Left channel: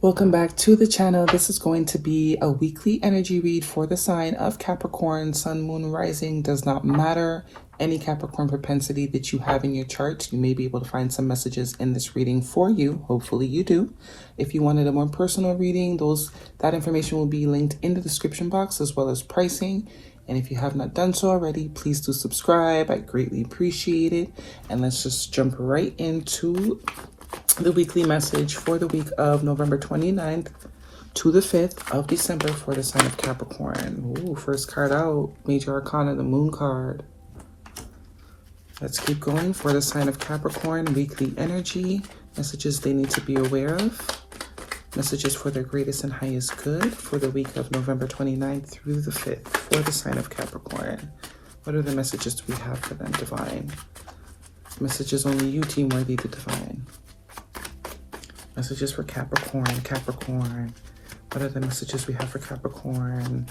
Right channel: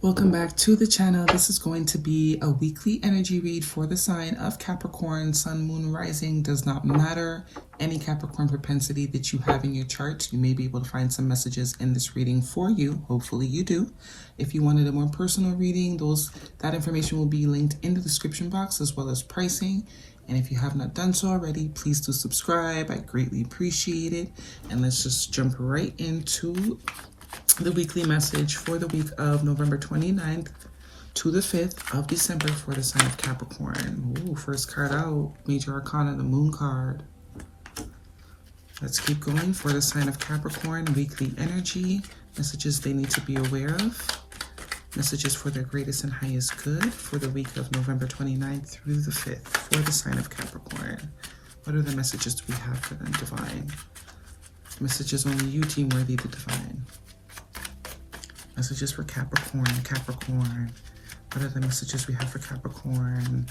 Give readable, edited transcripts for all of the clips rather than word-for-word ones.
Welcome back to the channel. This is going to be a weekly energy read for the sign of Capricorn. Sun, moon, rising does not matter. Any Capricorn propensity that you have in your chart, you may be able to find some messages in this reading for you. Hopefully you do. If you wanted a more personal reading, that information will be linked in the description box as well as pricing. And if you have not done so already, please do subscribe. I greatly appreciate it. And let's just jump right into the weekly message for the week of November 29th to the 5th of December for the sign of Capricorn. Ooh, first card out, Major Arcana, the Moon card. Let's keep going for the sign of Capricorn, weekly energy, messages they need to be aware of, messages for their greatest and highest good for the week of November 29th through the 5th for the sign of Capricorn. What are the messages we have for them, Divine? Messages only you, Team Worthy, to Divine. Messages for Capricorn. What are the messages we have for Capricorn?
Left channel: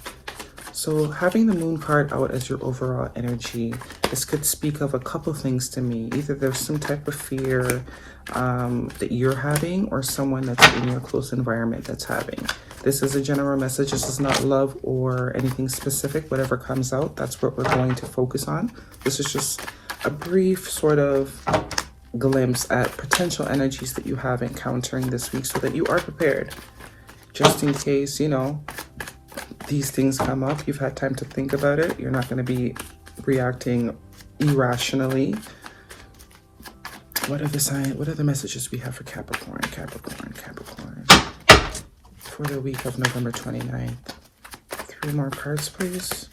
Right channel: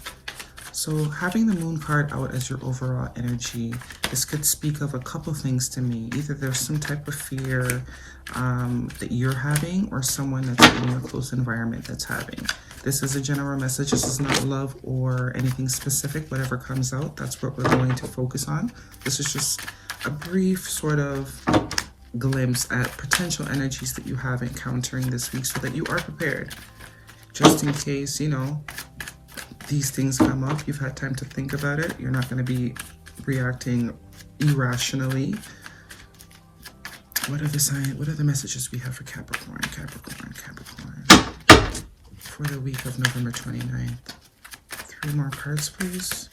So having the Moon card out as your overall energy, this could speak of a couple things to me. Either there's some type of fear that you're having, or someone that's in your close environment that's having. This is a general message. This is not love or anything specific. Whatever comes out, that's what we're going to focus on. This is just a brief sort of glimpse at potential energies that you have encountering this week so that you are prepared. Just in case, you know, these things come up, you've had time to think about it. You're not going to be reacting irrationally. What are the messages we have for Capricorn? For the week of November 29th. 3 more cards, please.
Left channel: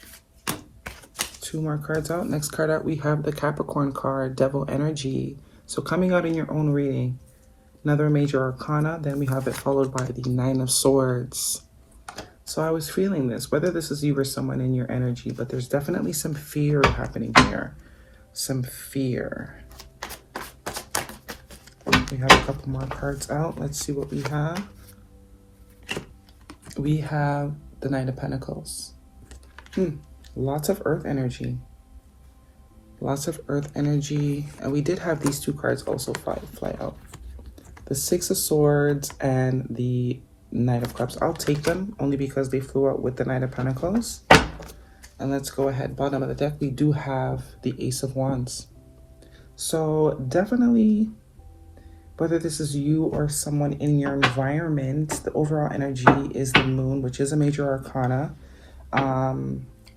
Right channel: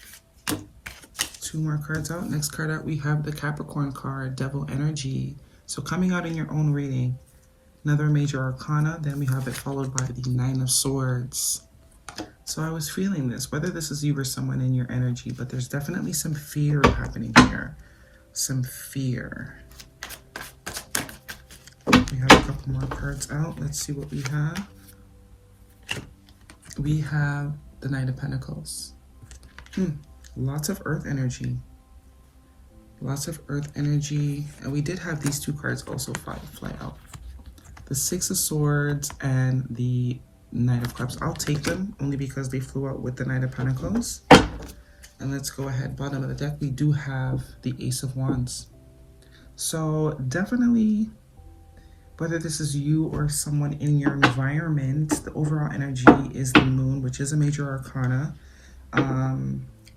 2 more cards out. Next card out, we have the Capricorn card, Devil Energy. So coming out in your own reading, another Major Arcana, then we have it followed by the 9 of Swords. So I was feeling this, whether this is you or someone in your energy, but there's definitely some fear happening here. Some fear. We have a couple more cards out. Let's see what we have. We have the Knight of Pentacles. Lots of earth energy. Lots of earth energy. And we did have these 2 cards also fly out. The 6 of Swords and the Knight of Cups. I'll take them only because they flew out with the Knight of Pentacles. And let's go ahead. Bottom of the deck, we do have the Ace of Wands. So definitely, whether this is you or someone in your environment, the overall energy is the Moon, which is a Major Arcana.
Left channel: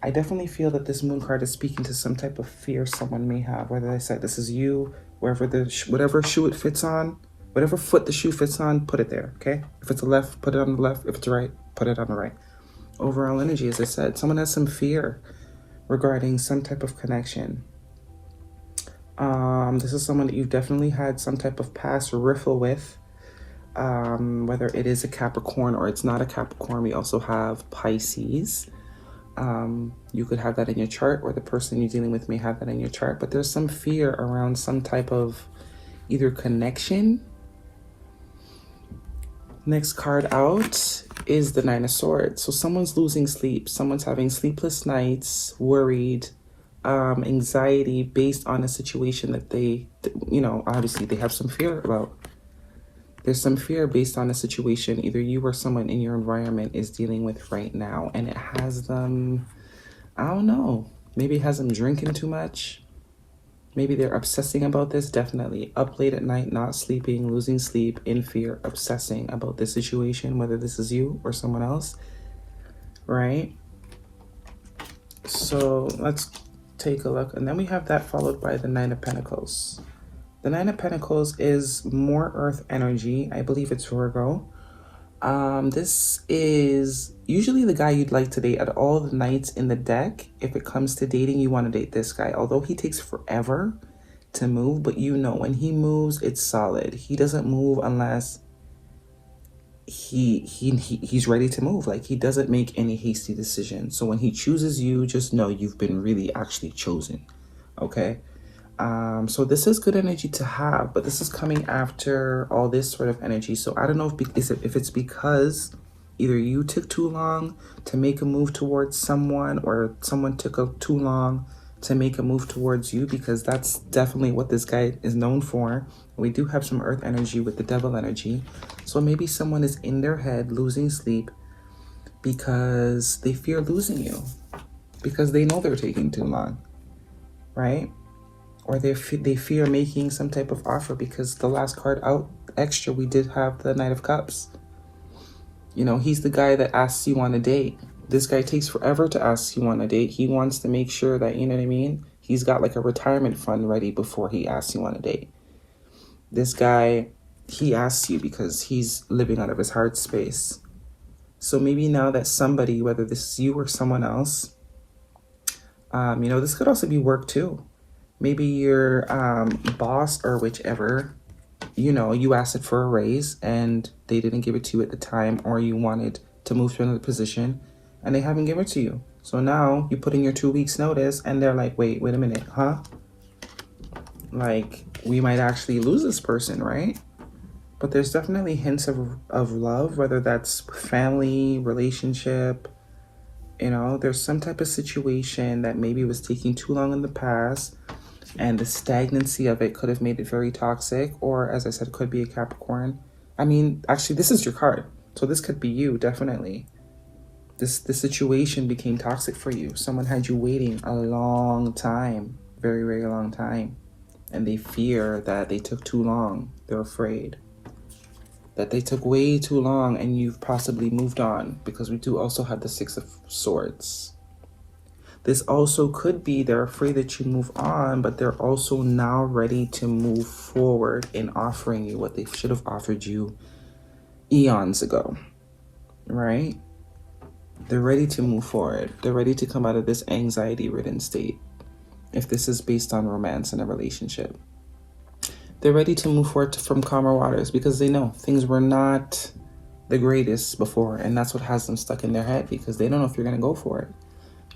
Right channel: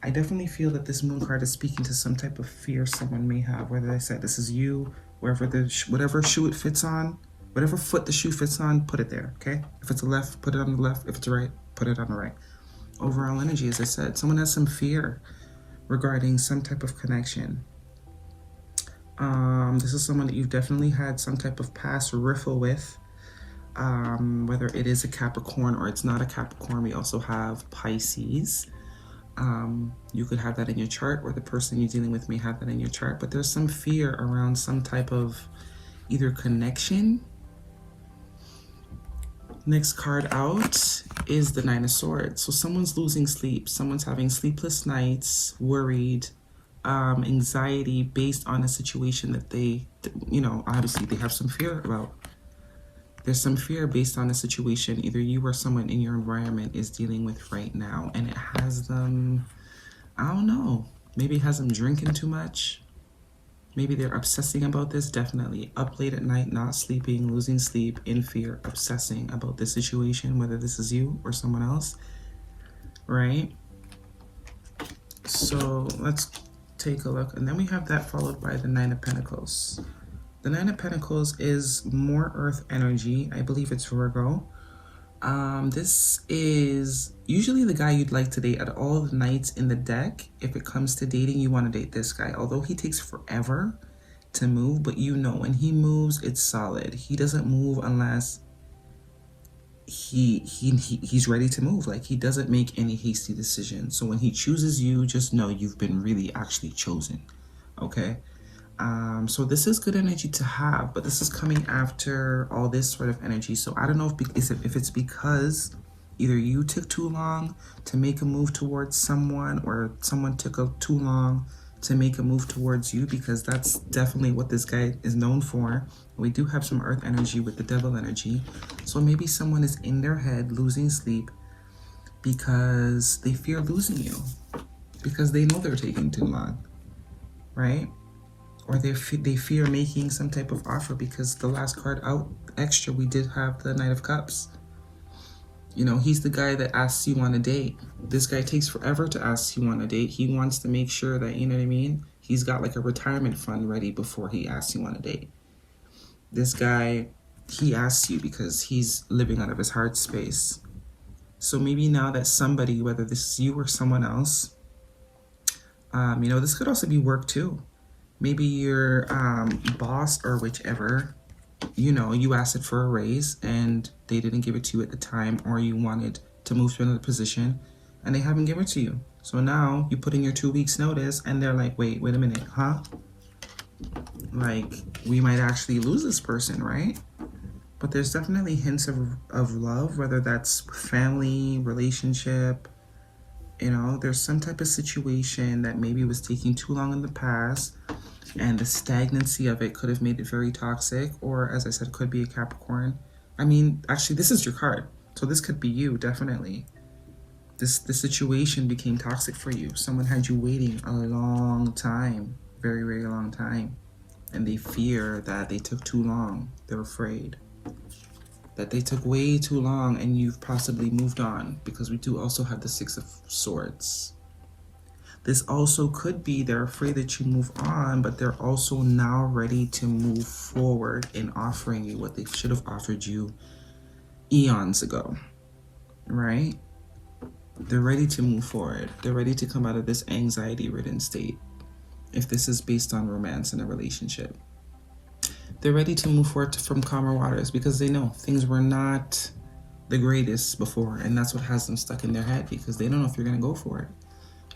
I definitely feel that this Moon card is speaking to some type of fear someone may have, whether they said this is you, whatever shoe it fits on, whatever foot the shoe fits on, put it there, okay? If it's a left, put it on the left. If it's a right, put it on the right. Overall energy, as I said, someone has some fear regarding some type of connection. This is someone that you've definitely had some type of past riffle with, whether it is a Capricorn or it's not a Capricorn. We also have Pisces. You could have that in your chart, or the person you're dealing with may have that in your chart, but there's some fear around some type of either connection. Next card out is the 9 of Swords. So someone's losing sleep. Someone's having sleepless nights, worried, anxiety based on a situation that they, you know, obviously they have some fear about. There's some fear based on a situation either you or someone in your environment is dealing with right now. And it has them, I don't know, maybe it has them drinking too much. Maybe they're obsessing about this, definitely. Up late at night, not sleeping, losing sleep, in fear, obsessing about this situation, whether this is you or someone else, right? So let's take a look. And then we have that followed by the 9 of Pentacles. The 9 of Pentacles is more earth energy. I believe it's Virgo. This is usually the guy you'd like to date. At all the knights in the deck, if it comes to dating, you want to date this guy. Although he takes forever to move, but you know when he moves, it's solid. He doesn't move unless he's ready to move. Like, he doesn't make any hasty decisions. So when he chooses you, just know you've been really actually chosen. Okay. So this is good energy to have, but this is coming after all this sort of energy. So I don't know if it's because either you took too long to make a move towards someone, or someone took too long to make a move towards you, because that's definitely what this guy is known for. We do have some earth energy with the devil energy. So maybe someone is in their head losing sleep because they fear losing you, because they know they're taking too long, right? Or they fear making some type of offer, because the last card out extra, we did have the Knight of Cups. You know, he's the guy that asks you on a date. This guy takes forever to ask you on a date. He wants to make sure that, you know what I mean? He's got like a retirement fund ready before he asks you on a date. This guy, he asks you because he's living out of his heart space. So maybe now that somebody, whether this is you or someone else, you know, this could also be work too. Maybe your boss or whichever, you know, you asked it for a raise and they didn't give it to you at the time, or you wanted to move to another position and they haven't given it to you. So now you put in your 2 weeks notice and they're like, wait a minute, huh? Like, we might actually lose this person, right? But there's definitely hints of love, whether that's family, relationship, you know, there's some type of situation that maybe was taking too long in the past, and the stagnancy of it could have made it very toxic. Or, as I said, could be a Capricorn. I mean, actually, this is your card. So this could be you, definitely. This situation became toxic for you. Someone had you waiting a long time, very, very long time. And they fear that they took too long. They're afraid that they took way too long and you've possibly moved on, because we do also have the Six of Swords. This also could be they're afraid that you move on, but they're also now ready to move forward in offering you what they should have offered you eons ago, right? They're ready to move forward. They're ready to come out of this anxiety-ridden state. If this is based on romance in a relationship, they're ready to move forward from calmer waters, because they know things were not the greatest before, and that's what has them stuck in their head, because they don't know if you're going to go for it.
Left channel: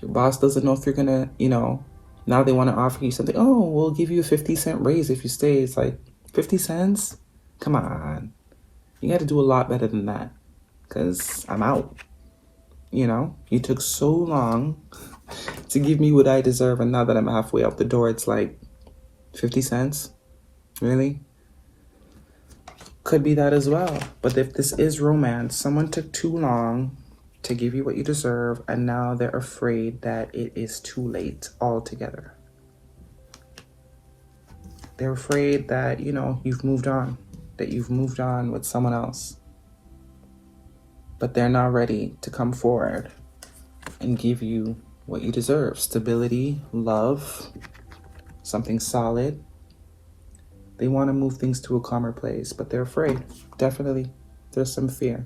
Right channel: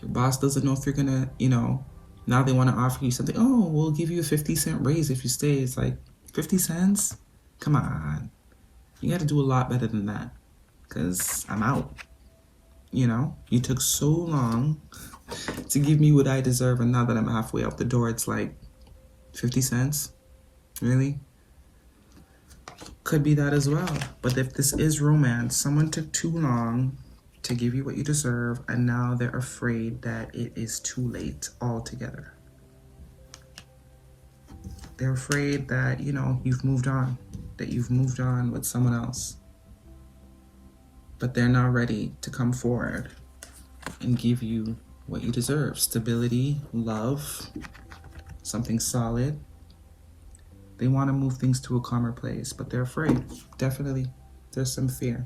Your boss doesn't know if you're going to, you know, now they want to offer you something. Oh, we'll give you a 50-cent raise if you stay. It's like, 50 cents? Come on. You got to do a lot better than that, because I'm out. You know, you took so long to give me what I deserve, and now that I'm halfway out the door, it's like 50 cents? Really? Could be that as well. But if this is romance, someone took too long to give you what you deserve, and now they're afraid that it is too late altogether. They're afraid that, you know, you've moved on, that you've moved on with someone else. But they're not ready to come forward and give you what you deserve. Stability, love, something solid. They want to move things to a calmer place, but they're afraid. Definitely, there's some fear.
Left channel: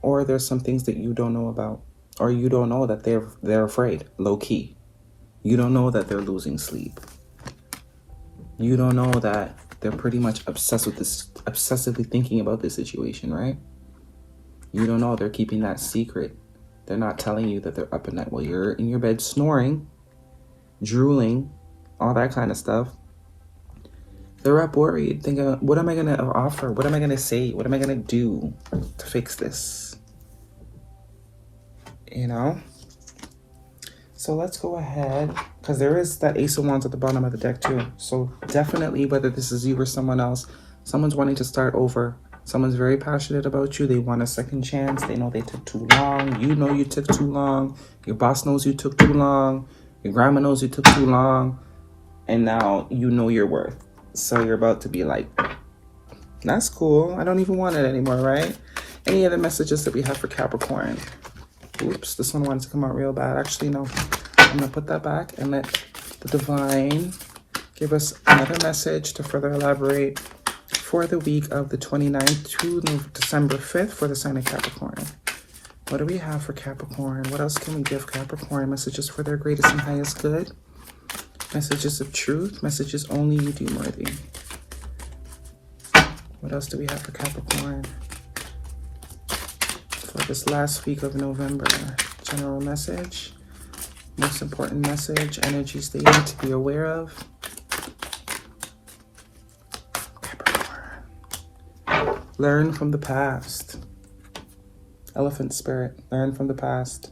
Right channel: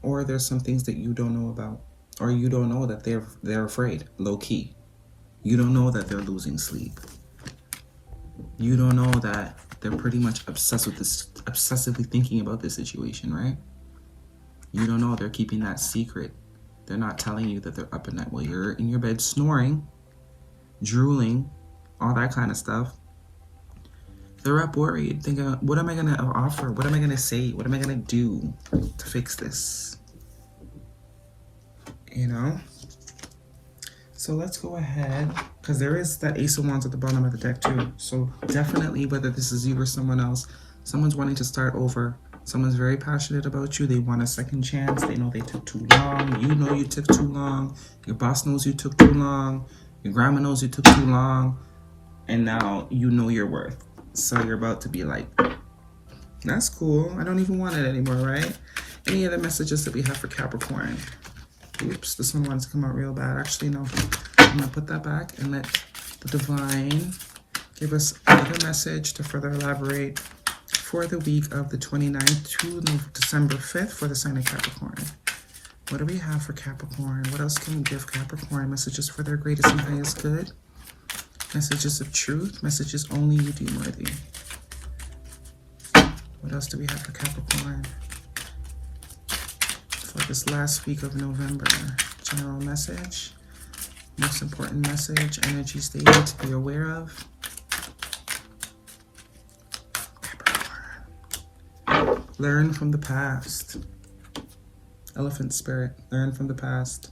Or there's some things that you don't know about. Or you don't know that they're afraid, low key. You don't know that they're losing sleep. You don't know that they're pretty much obsessed with this, obsessively thinking about this situation, right? You don't know they're keeping that secret. They're not telling you that they're up at night while you're in your bed snoring, drooling, all that kind of stuff. They're up worried, thinking, what am I going to offer? What am I going to say? What am I going to do to fix this? You know? So let's go ahead, because there is that Ace of Wands at the bottom of the deck too. So definitely, whether this is you or someone else, someone's wanting to start over. Someone's very passionate about you. They want a second chance. They know they took too long. You know you took too long. Your boss knows you took too long. Your grandma knows you took too long. And now you know your worth. So you're about to be like, that's cool. I don't even want it anymore, right? Any other messages that we have for Capricorn? Oops, this one wants to come out real bad. Actually, no. I'm going to put that back and let the divine give us another message to further elaborate for the week of the 29th to December 5th for the sign of Capricorn. What do we have for Capricorn? What else can we give Capricorn? Messages for their greatest and highest good. Messages of truth. Messages only you deem worthy. What else do we have for Capricorn? For this last week of November. General message. Most important message. Energies they need to be aware of. Learn from the past. Elephant spirit, learn from the past.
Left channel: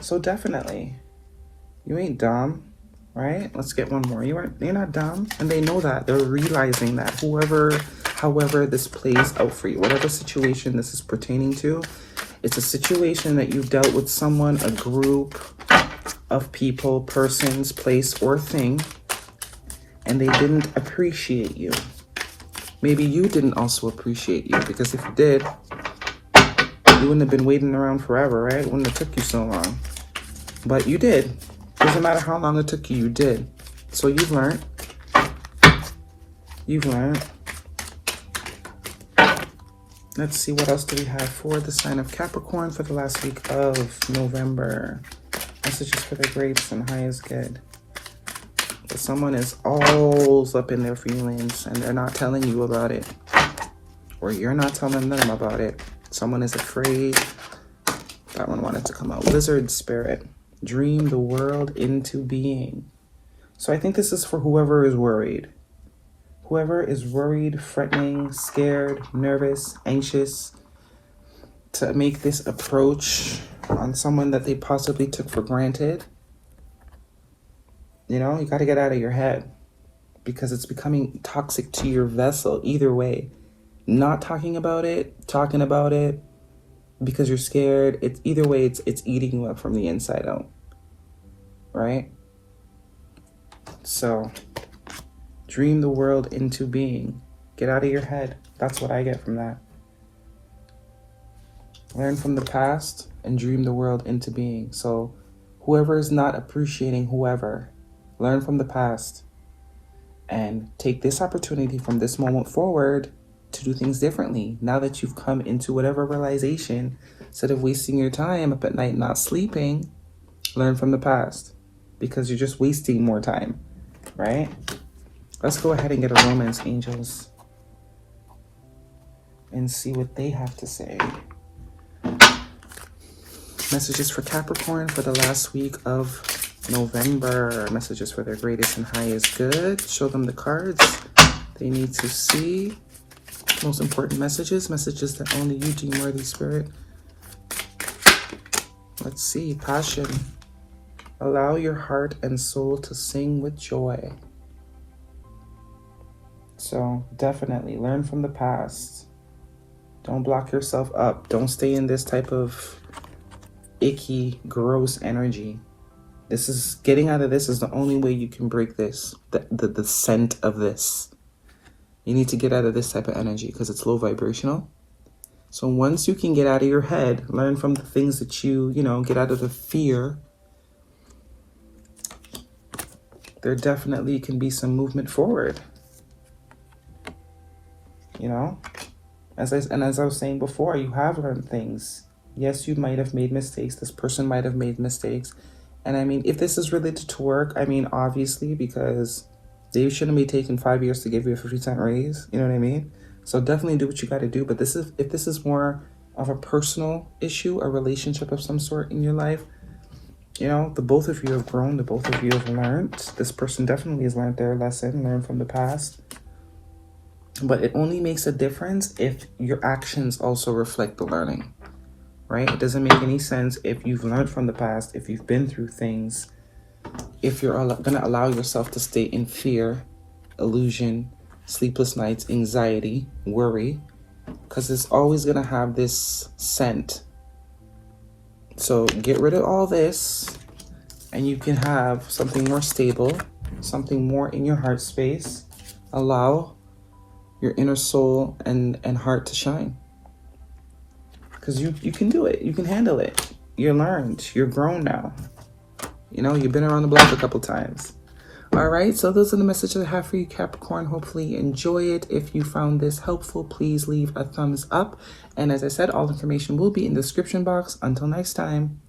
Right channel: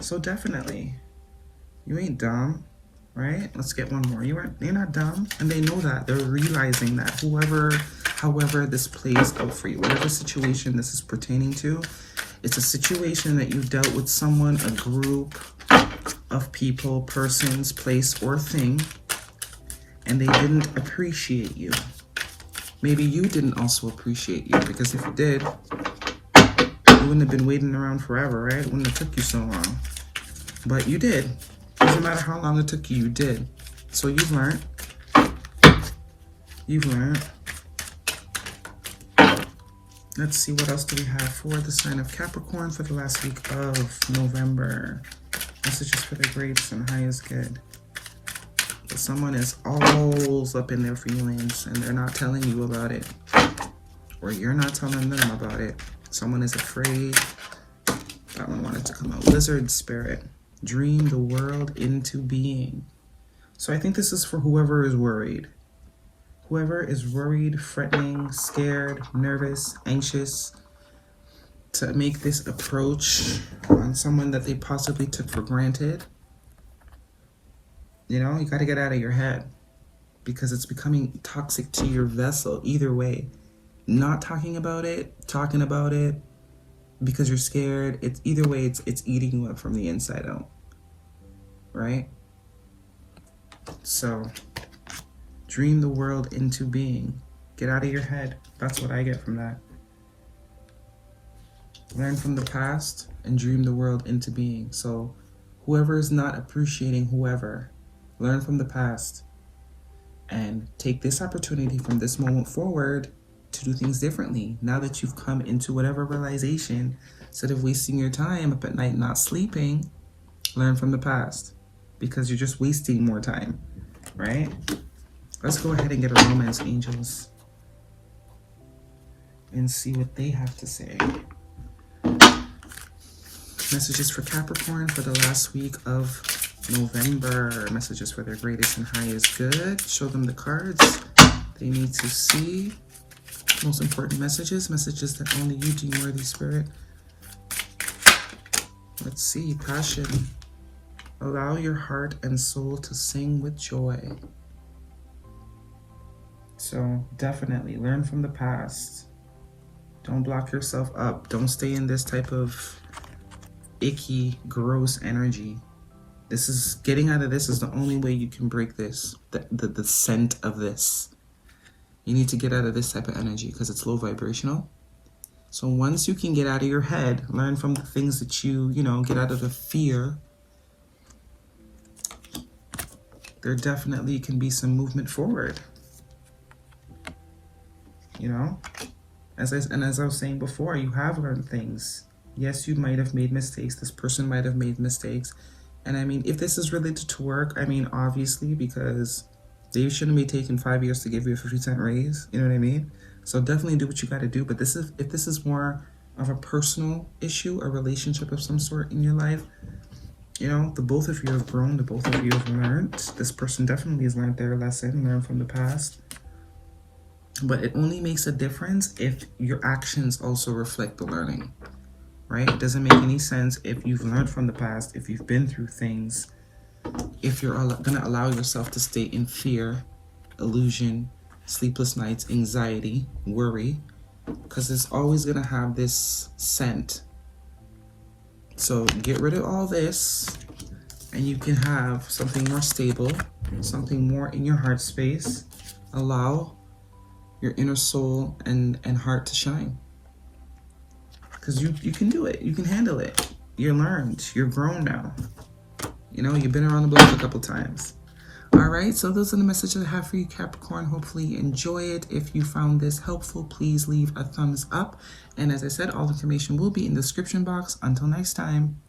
So definitely, you ain't dumb, right? Let's get one more. They're not dumb, and they know that. They're realizing that however this plays out for you, whatever situation this is pertaining to, it's a situation that you dealt with someone, a group of people, persons, place, or thing, and they didn't appreciate you. Maybe you didn't also appreciate you, because if you did, you wouldn't have been waiting around forever, right? It wouldn't have took you so long. But you did. Doesn't matter how long it took you, you did. So you've learned. You've learned. Let's see, what else do we have for the sign of Capricorn for the last week of November? Messages for their greatest and highest good. But someone is all up in their feelings and they're not telling you about it. Or you're not telling them about it. Someone is afraid. That one wanted to come out. Lizard spirit. Dream the world into being. So I think this is for whoever is worried. Whoever is worried, threatening, scared, nervous, anxious to make this approach on someone that they possibly took for granted. You know, you got to get out of your head because it's becoming toxic to your vessel either way. Not talking about it, talking about it because you're scared. It's either way, it's eating you up from the inside out. Right? So dream the world into being. Get out of your head. That's what I get from that. Learn from the past and dream the world into being. So whoever is not appreciating whoever, learn from the past and take this opportunity from this moment forward to do things differently. Now that you've come into whatever realization, instead of wasting your time up at night not sleeping, learn from the past because you're just wasting more time, right? Let's go ahead and get a romance, angels, and see what they have to say. Messages for Capricorn for the last week of November. Messages for their greatest and highest good. Show them the cards they need to see. Most important messages. Messages that only you deem worthy, Spirit. Let's see. Passion. Allow your heart and soul to sing with joy. So definitely learn from the past. Don't block yourself up. Don't stay in this type of icky, gross energy. This is getting out of this is the only way you can break this. The scent of this. You need to get out of this type of energy because it's low vibrational. So once you can get out of your head, learn from the things that you know, get out of the fear. There definitely can be some movement forward. You know, as I was saying before, you have learned things. Yes, you might have made mistakes. This person might have made mistakes. And I mean, if this is related to work, I mean, obviously, because they shouldn't be taking 5 years to give you a 50-cent raise. You know what I mean? So definitely do what you got to do. But if this is more of a personal issue, a relationship of some sort in your life, you know, the both of you have grown. The both of you have learned. This person definitely has learned their lesson, learned from the past. But it only makes a difference if your actions also reflect the learning, right? It doesn't make any sense if you've learned from the past, if you've been through things, if you're going to allow yourself to stay in fear, illusion, sleepless nights, anxiety, worry, because it's always going to have this scent. So get rid of all this and you can have something more stable, something more in your heart space. Allow your inner soul and heart to shine. Because you can do it. You can handle it. You're learned. You're grown now. You know, you've been around the block a couple times. All right, so those are the messages I have for you, Capricorn. Hopefully you enjoy it. If you found this helpful, please leave a thumbs up. And as I said, all information will be in the description box. Until next time.